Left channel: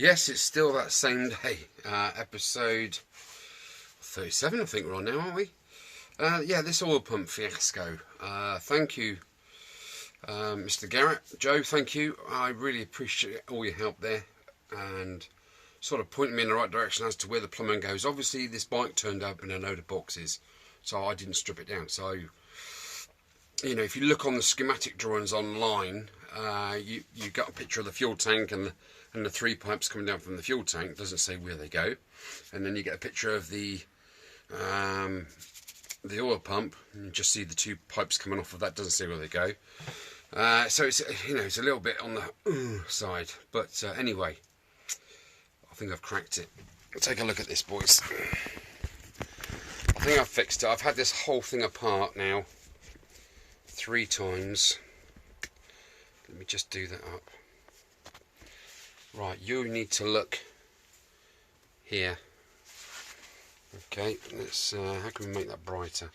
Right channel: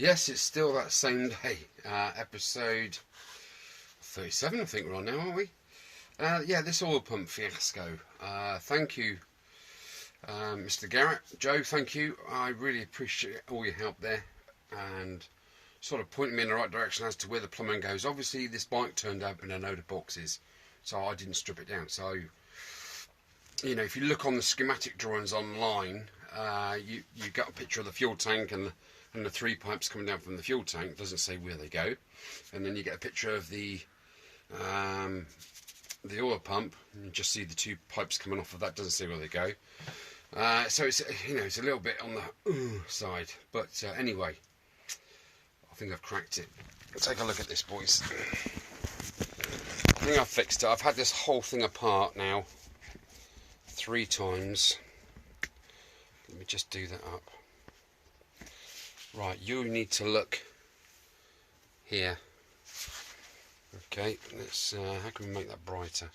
Yes, it's still that same day. Episode 37, I think we're on now, aren't we? Yeah, this oil pump fiasco. Thank you, Mr. Garrett. Joe, thank you. I really appreciate all your help there and sort of pointing me in the right direction as to where the plumbing goes. Obviously, this bike turned up in a load of boxes, so I didn't strip it down. So, you know, if you look on the schematic drawings online, you got a picture of the fuel tank and the 3 pipes coming down from the fuel tank. It doesn't say where they go. And then you get a picture of the oil pump, and you just see the 2 pipes coming off of that. Doesn't say where they go. So it's, you know, it's a little bit on the side. But anyway, I think I've cracked it. Let's take a look at this, boys. I think I've fixed it. I've had this whole thing apart now 3 times. Let me just do that up. Right, you need to look here. Okay, let's how can we make that brighter?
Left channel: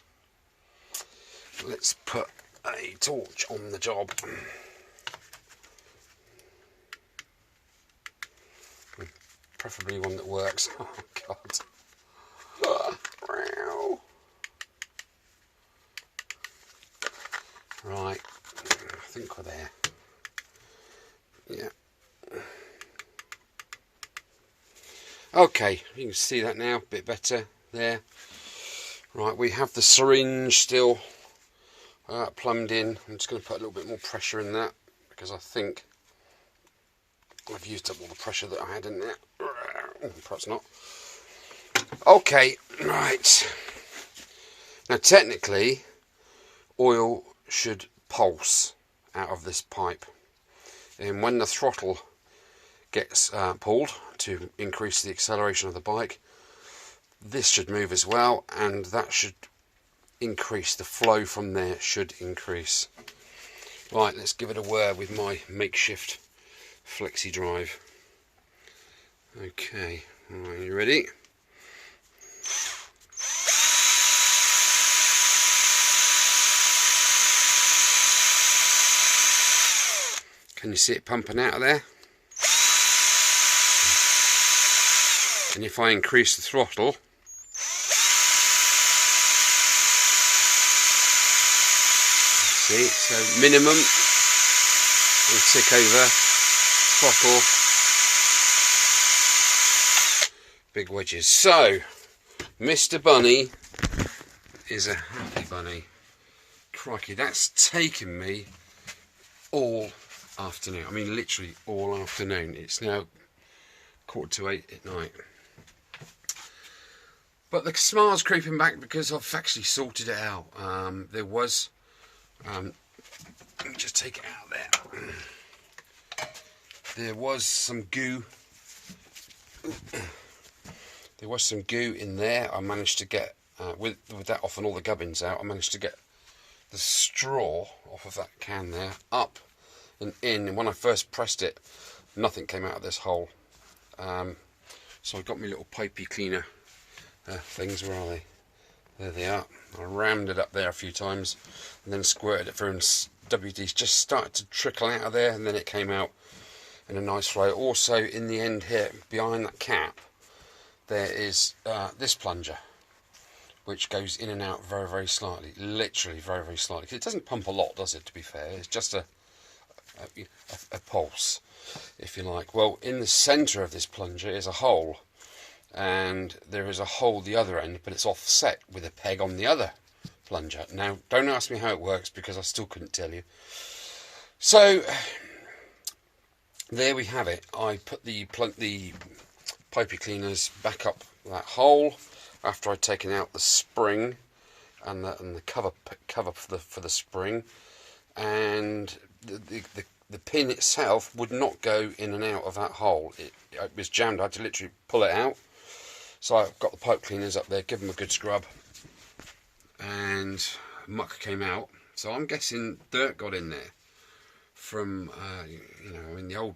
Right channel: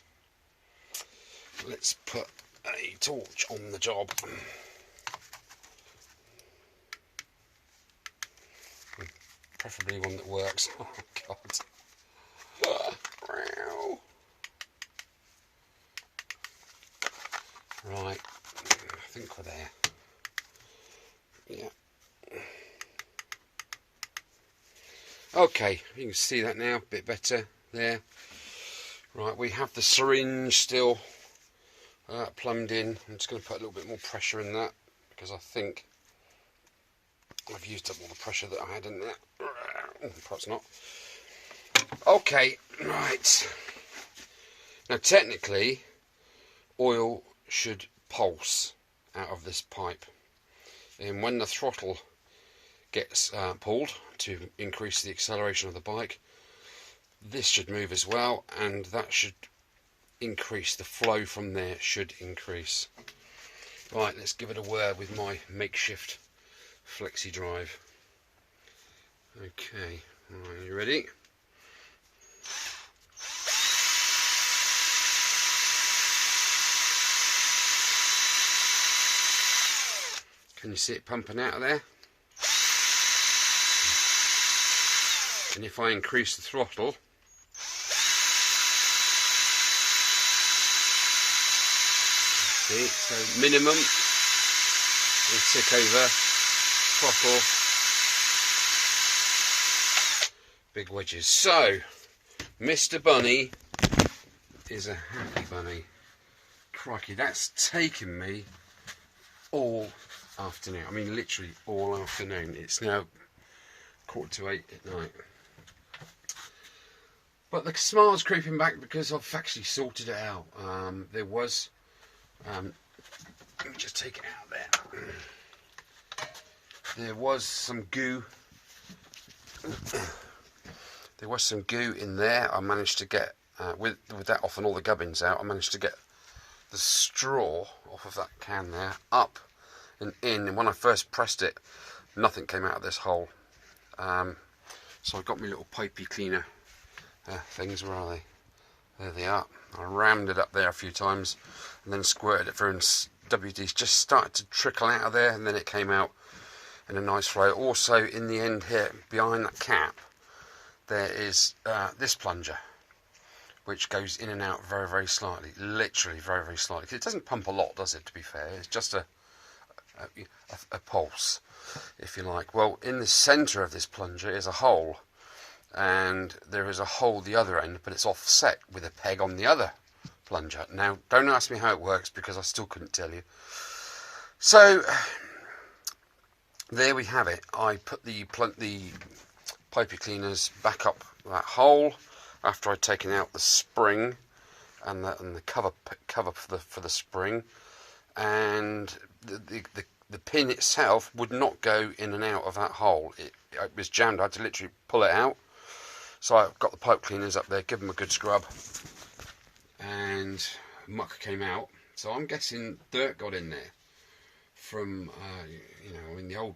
Let's put a torch on the job. Preferably one that works. Oh god. Right, I think we're there. Yeah. Okay, you can see that now, a bit better there. Right, we have the syringe still plumbed in. I'm just going to put a little bit more pressure in that because I think I've used up all the pressure that I had in there. Perhaps not. Okay, right. Now technically, oil should pulse out of this pipe. And when the throttle gets pulled to increase the acceleration of the bike, this should move as well, and that should increase. The flow from there should increase. Right, let's give it a whir with my makeshift flexi drive. Okay, are you ready? Can you see it pumping out of there? And if I increase the throttle, see, so minimum will tick over, throttle, big wedges. So, Mr. Bunny is a happy bunny. Crikey, that's taken me all afternoon. I mean, literally all afternoon. It's now 7:45 at night. But the smile's creeping back because I've actually sorted it out. There was, let me just take it out there. There was some goo. There was some goo in there. I managed to get, with that off and all the gubbins out, I managed to get the straw off of that can there, up and in. And when I first pressed it, nothing came out of this hole. So I got my little pipey cleaner things. Where are they? There they are. I rammed it up there a few times and then squirted it through, and WD's just started to trickle out of there, and then it came out in a nice flow. Also, in the end here, behind that cap, there is this plunger, which goes in and out very, very slightly. Literally very, very slightly. It doesn't pump a lot, does it, to be fair? It's just a pulse, if you like. Well, in the centre of this plunger is a hole, and there is a hole the other end, but it's offset with a peg on the other plunger. Now, don't ask me how it works because I still couldn't tell you. So, there we have it. I put the pipey cleaners back up that hole after I'd taken out the spring and the cover for the spring, and the pin itself would not go in and out of that hole. It was jammed. I had to literally pull it out. So I've got the pipe cleaners up there, give them a good scrub, and muck came out. So I'm guessing dirt got in there from, you know, I mean, the oil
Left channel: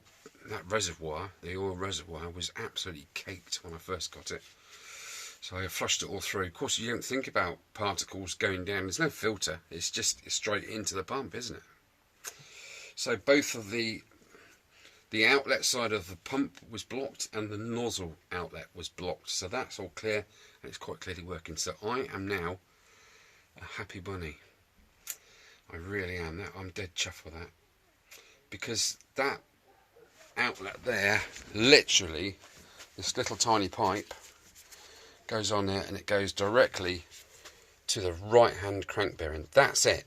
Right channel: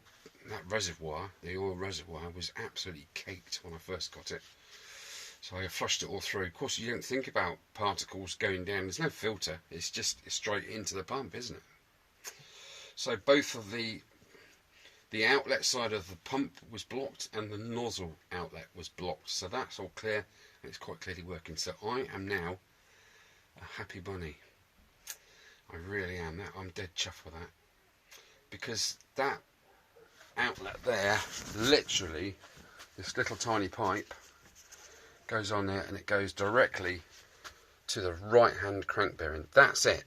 reservoir was absolutely caked when I first got it. So I flushed it all through. Of course, you don't think about particles going down. There's no filter. It's straight into the pump, isn't it? So both of the the outlet side of the pump was blocked and the nozzle outlet was blocked. So that's all clear, and it's quite clearly working. So I am now a happy bunny. I really am. I'm dead chuffed with that, because that outlet there, literally, this little tiny pipe goes on there and it goes directly to the right hand crank bearing. That's it.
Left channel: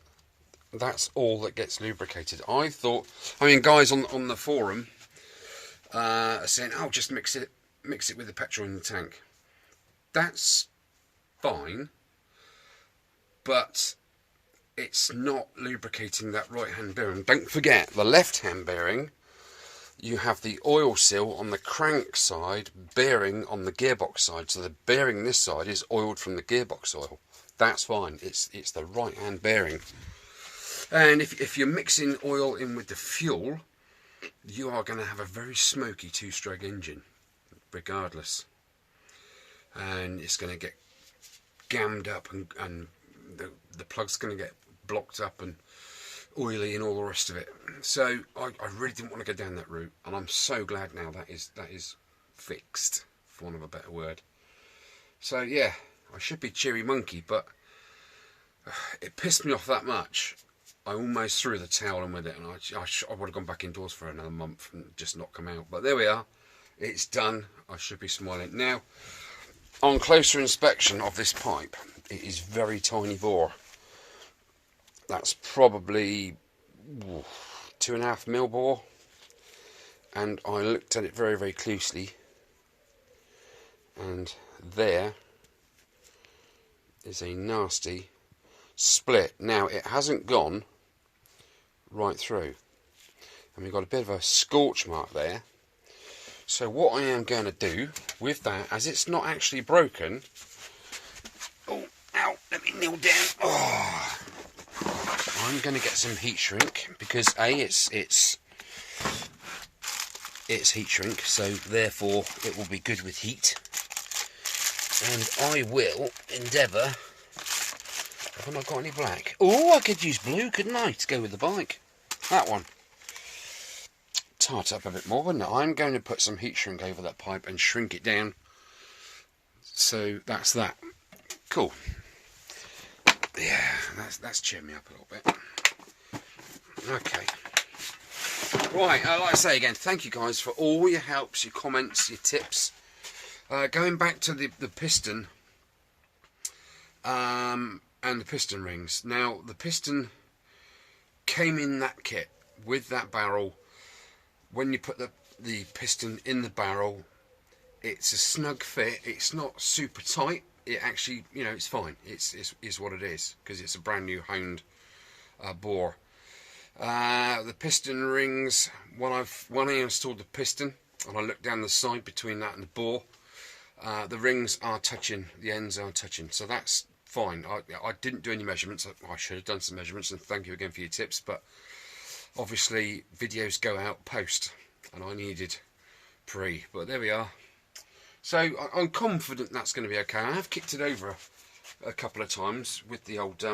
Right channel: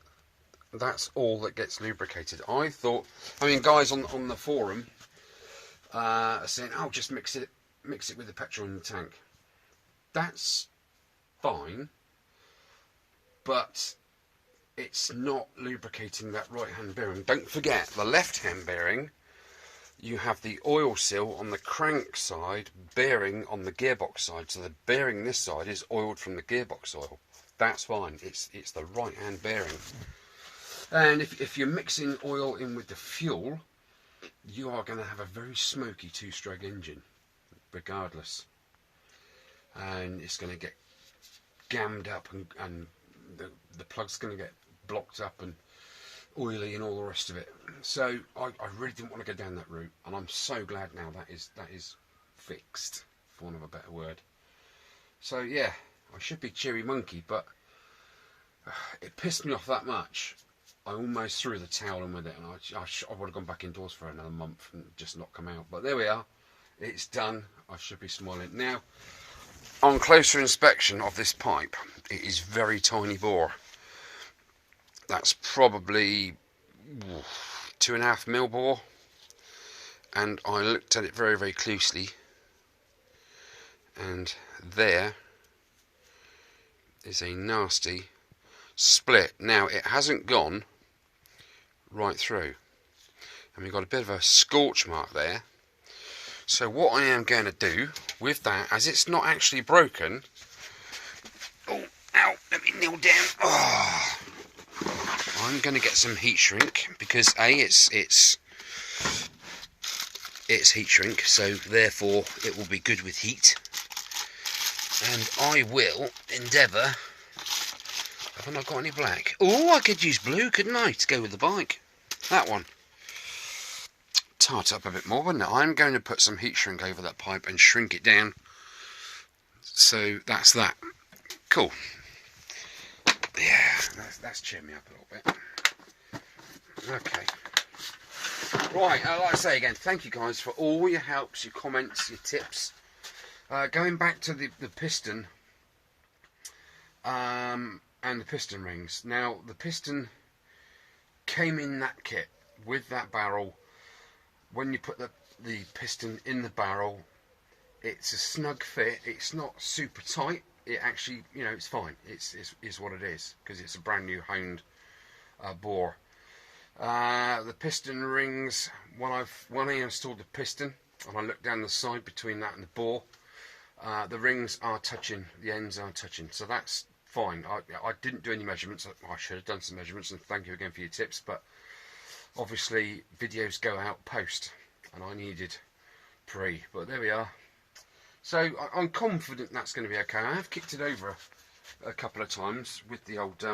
That's all that gets lubricated. I mean, guys on the forum are saying, oh, just mix it with the petrol in the tank. That's fine, but it's not lubricating that right hand bearing. Don't forget, the left hand bearing, you have the oil seal on the crank side, bearing on the gearbox side. So the bearing this side is oiled from the gearbox oil. That's fine. It's the right hand bearing. And if you're mixing oil in with the fuel, you are going to have a very smoky two-stroke engine, regardless. And it's going to get gammed up, and the plug's going to get blocked up and oily and all the rest of it. So I really didn't want to go down that route, and I'm so glad now that is fixed, for want of a better word. So yeah, I should be cheery monkey, but it pissed me off that much. I almost threw the towel in with it, and I would have gone back indoors for another month and just not come out. But there we are. It's done. I should be smiling. Now, on closer inspection of this pipe, it is very tiny bore. That's probably 2.5 mil bore. And I looked at it very, very closely. And there is a nasty split. Now, it hasn't gone right through, and we've got a bit of a scorch mark there. So what I am going to do with that, as it's not actually broken, oh, ow, let me kneel down. Oh, I'm going to get some heat shrink, because it's heat shrink, so therefore it will be good with heat. And I will endeavour. Have I not got any black? Oh, I could use blue, couldn't I, to go with the bike? That one. Tart up a bit more, wouldn't it? I'm going to put some heat shrink over that pipe and shrink it down. So that's that. Cool. Yeah, that's cheered me up a little bit. Okay. Right, like I say again, thank you guys for all your helps, your comments, your tips. Going back to the piston, and the piston rings. Now, the piston came in that kit with that barrel. When you put the piston in the barrel, it's a snug fit. It's not super tight. It actually, you know, it's fine. It's what it is, because it's a brand new honed bore. The piston rings, when I installed the piston and I looked down the side between that and the bore, the rings are touching, the ends are touching, so that's fine. I didn't do any measurements. I should have done some measurements, and thank you again for your tips, but obviously videos go out post, and I needed pre, but there we are. So I'm confident that's going to be okay. I have kicked it over a couple of times with the old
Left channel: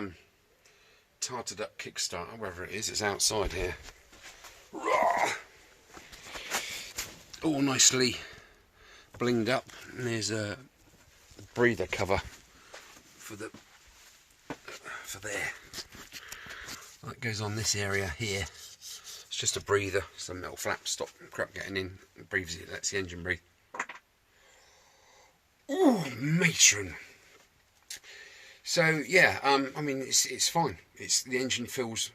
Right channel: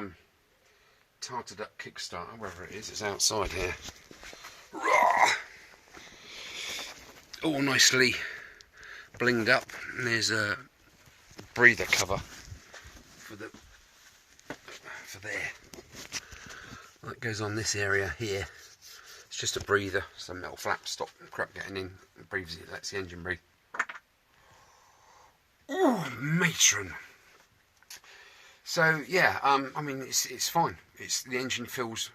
tarted up kickstarter, wherever it is. It's outside here. All nicely blinged up, and there's a breather cover for there. That goes on this area here. It's just a breather, some metal flap, stop crap getting in. It breathes, it lets the engine breathe. Oh, matron. So yeah, I mean it's fine. The engine feels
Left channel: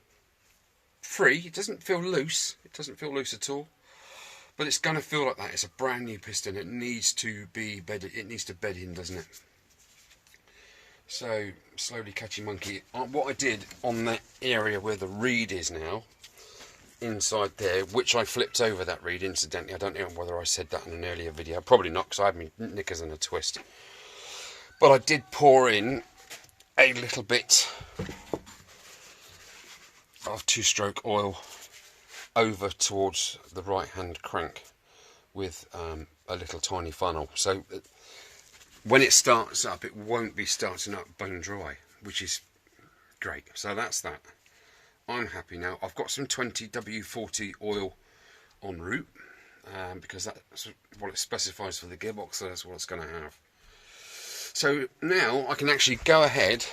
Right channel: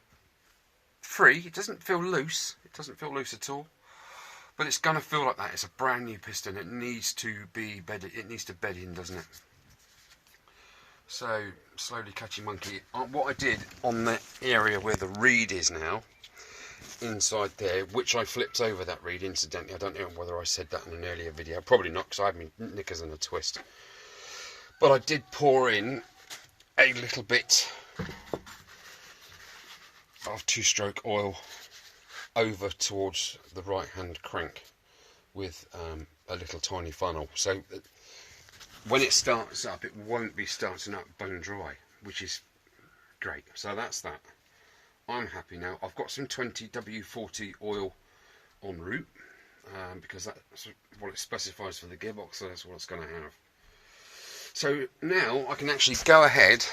free. It doesn't feel loose. It doesn't feel loose at all. But it's gonna feel like that. It's a brand new piston. It needs to be bedded. It needs to bed in, doesn't it? So slowly catching monkey. What I did on that area where the reed is now, inside there, which I flipped over that reed incidentally. I don't know whether I said that in an earlier video. Probably not, because I had my knickers in a twist. But I did pour in a little bit of two-stroke oil over towards the right hand crank with a little tiny funnel, so when it starts up it won't be starting up bone dry, which is great. So that's that. I'm happy now. I've got some 20W40 oil en route, because that's what it specifies for the gearbox, so that's what it's going to have. So now I can actually go ahead,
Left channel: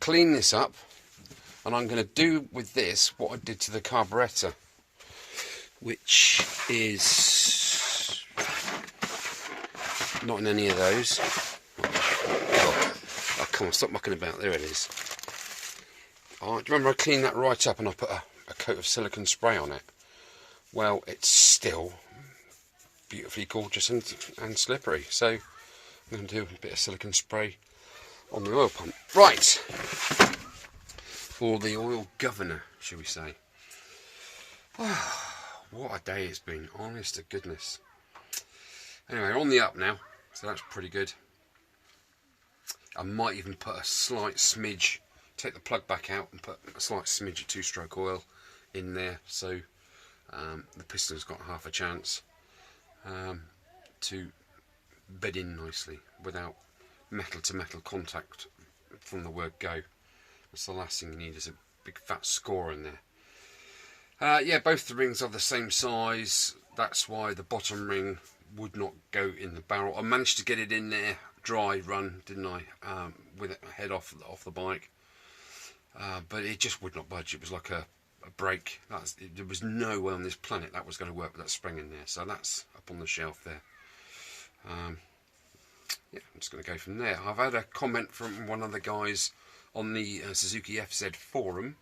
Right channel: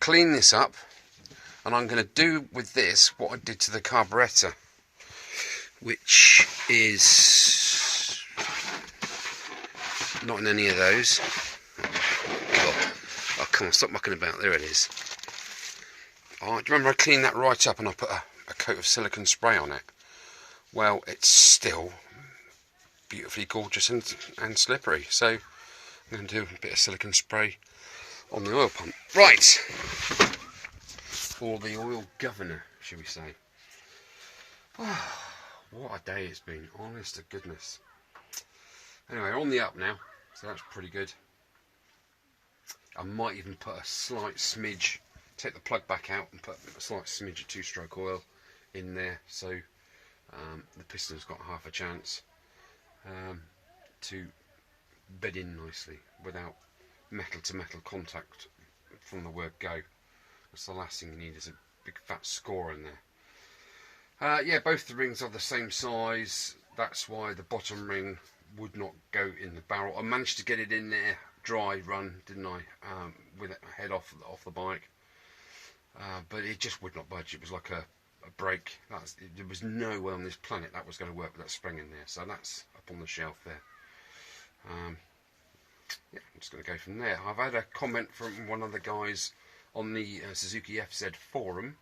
clean this up, and I'm going to do with this what I did to the carburettor, which is not in any of those. Oh come on, stop mucking about. There it is. Oh, do you remember I cleaned that right up and I put a coat of silicone spray on it? Well, it's still beautifully gorgeous and slippery, so I'm going to do a bit of silicone spray on the oil pump. Right, or the oil governor, shall we say. Oh, what a day it's been, honest to goodness. Anyway, on the up now, so that's pretty good. I might even put a slight smidge, take the plug back out and put a slight smidge of two-stroke oil in there, so the piston's got half a chance to bed in nicely without metal-to-metal contact from the word go. That's the last thing you need, is a big fat score in there. Yeah, both the rings are the same size. That's why the bottom ring would not go in the barrel. I managed to get it in there dry run, didn't I, with it head off the bike, but it just would not budge. It was like a brake. There was no way on this planet that was going to work with that spring in there, so that's up on the shelf there. Yeah, I'm just going to go from there. I've had a comment from one of the guys on the Suzuki FZ forum,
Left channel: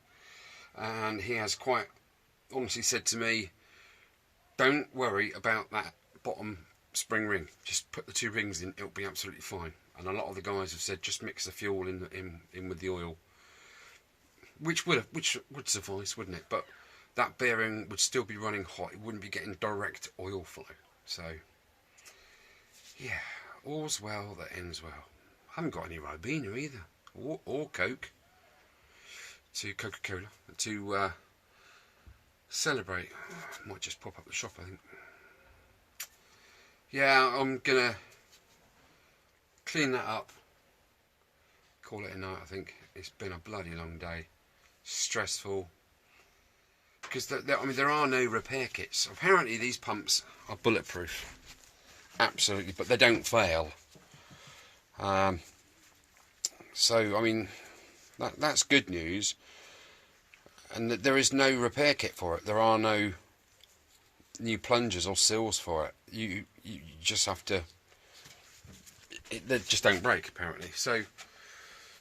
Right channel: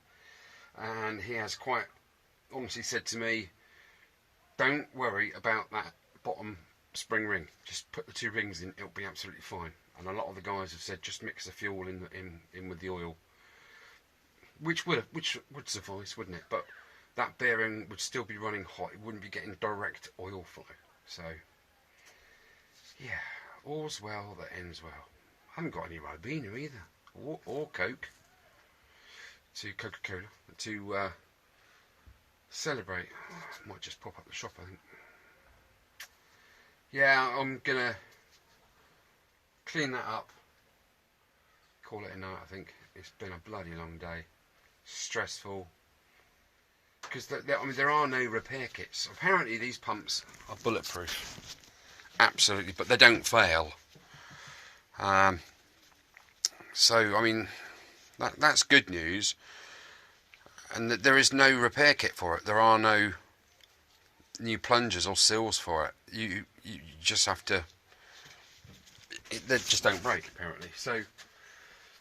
and he has quite honestly said to me, don't worry about that bottom spring ring, just put the two rings in, it'll be absolutely fine. And a lot of the guys have said just mix the fuel in with the oil, which would suffice, wouldn't it? But that bearing would still be running hot, it wouldn't be getting direct oil flow. So yeah, all's well that ends well. I haven't got any Ribena either, or Coke, to Coca-Cola to celebrate. Might just pop up the shop, I think. Yeah, I'm gonna clean that up, call it a night. I think it's been a bloody long day, stressful, because I mean there are no repair kits. Apparently these pumps are bulletproof, absolutely, but they don't fail. So I mean that's good news, and that there is no repair kit for it. There are no new plungers or seals for it. You just have to. They just don't break apparently. So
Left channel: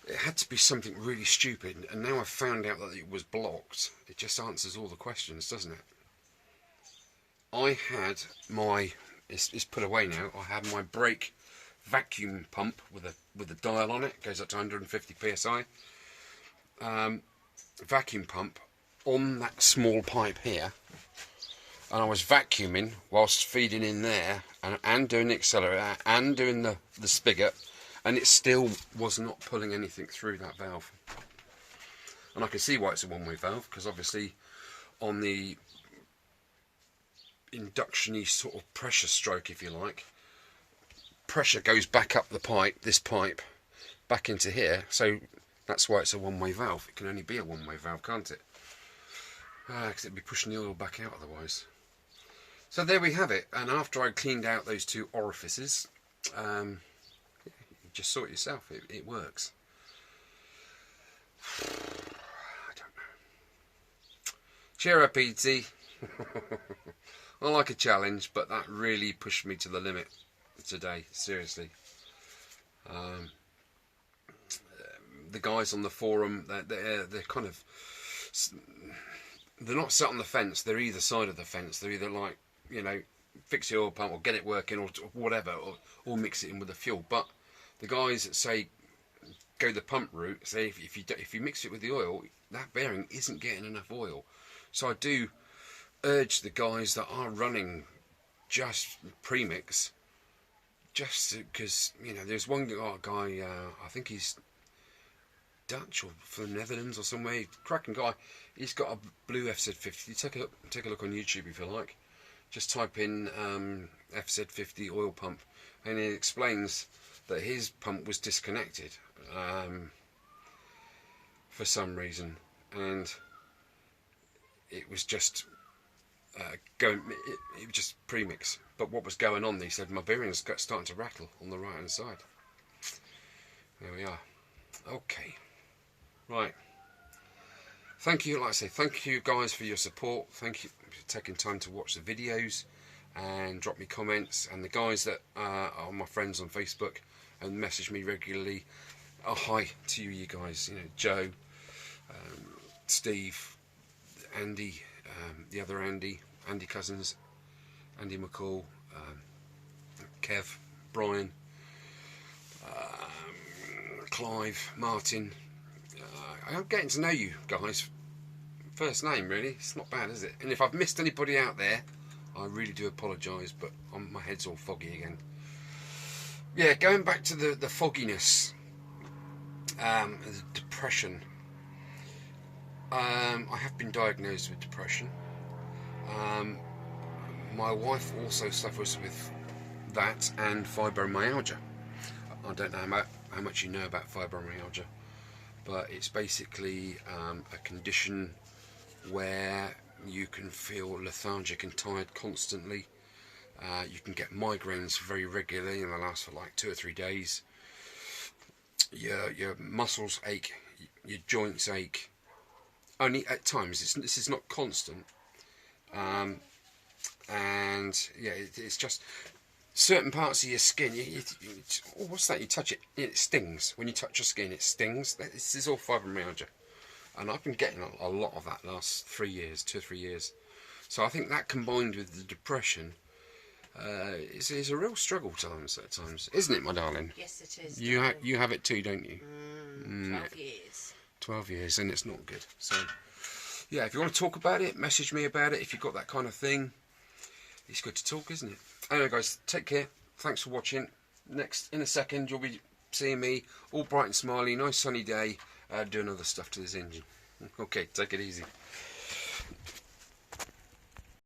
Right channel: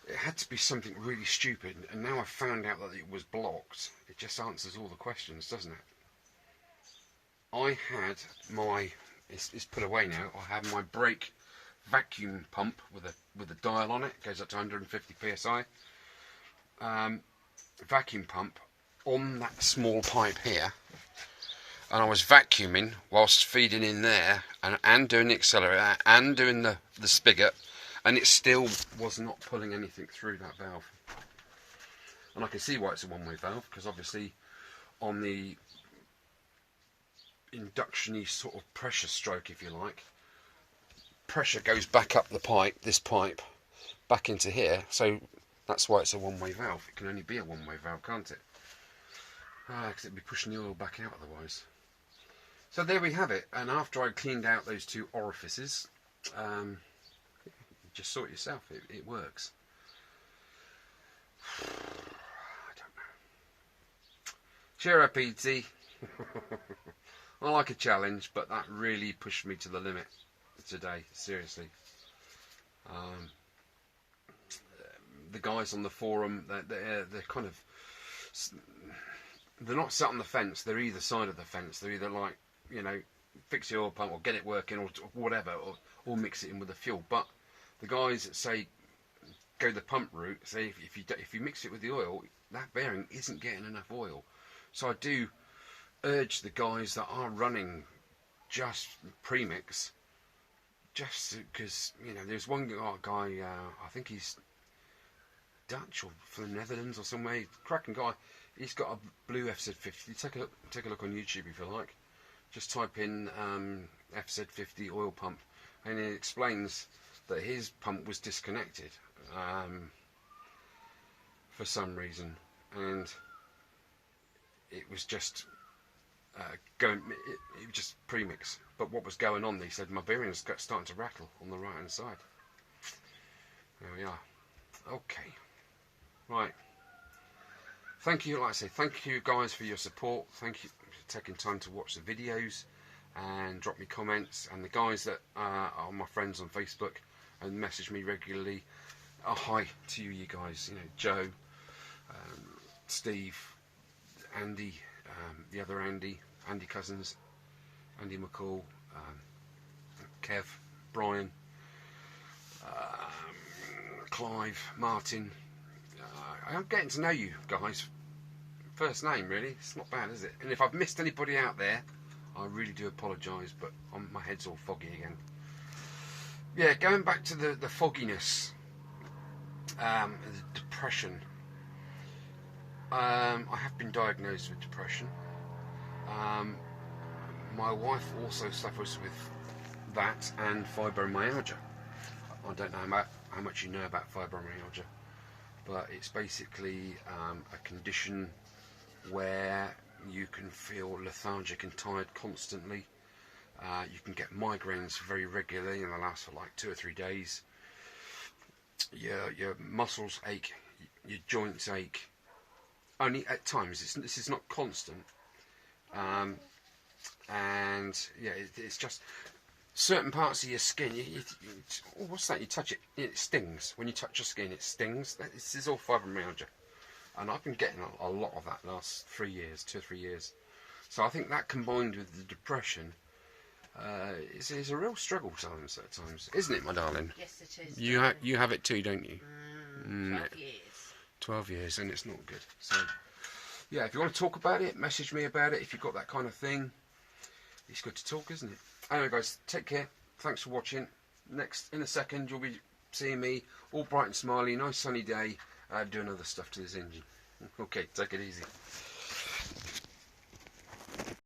it had to be something really stupid, and now I've found out that it was blocked. It just answers all the questions, doesn't it? I had my. It's put away now. I had my brake vacuum pump with a dial on it. It goes up to 150 psi. Vacuum pump on that small pipe here. And I was vacuuming whilst feeding in there and doing the accelerator and doing the spigot, and it still was not pulling anything through that valve. And I can see why it's a one-way valve, because obviously on the induction-y sort of pressure stroke, if you like, pressure goes back up the pipe, this pipe, back into here, so that's why it's a one-way valve. It can only be a one-way valve, can't it? Because it'd be pushing the oil back out otherwise. So there we have it, and after I cleaned out those two orifices, you just saw it yourself, it works. I don't know. Cheer up, E.T. I like a challenge, but that really pushed me to the limit today, seriously. The guys on the forum, they're kind of, they're not sat on the fence, they're either side of the fence. They're either like, you know, fix the oil pump or get it working or whatever, or mix it in with the fuel. But the guys that say go the pump route say if you mix it with the oil, that bearing isn't getting enough oil. So I do urge the guys that are running just premix, just because, you know, there's one guy, I think he's Dutch or from the Netherlands or somewhere, cracking guy. He's got a blue FZ50. Take a look on YouTube if you like. Just type in FZ50 oil pump, and it explains that his pump was disconnected for some reason, and it was just it was just premix. But what was going on, they said my bearings got starting to rattle on the right hand side. There we are. Okay, right. Thank you, like I say, thank you guys for your support. Thank you for taking time to watch the videos and drop me comments. And the guys that are my friends on Facebook and message me regularly, hi to you guys. You know, Joe, Steve, Andy, the other Andy Cousins, Andy McCall, Kev, Brian, Clive, Martin. I'm getting to know you guys first name, really. It's not bad, is it? And if I've missed anybody out there, I really do apologise, but my head's all foggy again. Yeah, going back to the fogginess, the depression. I have been diagnosed with depression. My wife also suffers with that and fibromyalgia. I don't know how much you know about fibromyalgia, but it's basically a condition where you can feel lethargic and tired constantly. You can get migraines very regularly, and they last for like 2 or 3 days. Your muscles ache, your joints ache. Only at times. This is not constant. And yeah, it's just certain parts of your skin. Oh, what's that? You touch it, it stings. When you touch your skin, it stings. This is all fibromyalgia, and I've been getting a lot of that last 3 years, 2 or 3 years. So I think that combined with the depression, it's a real struggle at times, isn't it, my darling? Yes, it is. You have it too, don't you? 12 years. 12 years, and it's not good. So yeah, if you want to talk about it, message me about it. If you've got that kind of thing, it's good to talk, isn't it? Anyway, guys, take care. Thanks for watching. In a second, you'll be seeing me all bright and smiley, nice sunny day, doing other stuff to this engine. Okay, take it easy.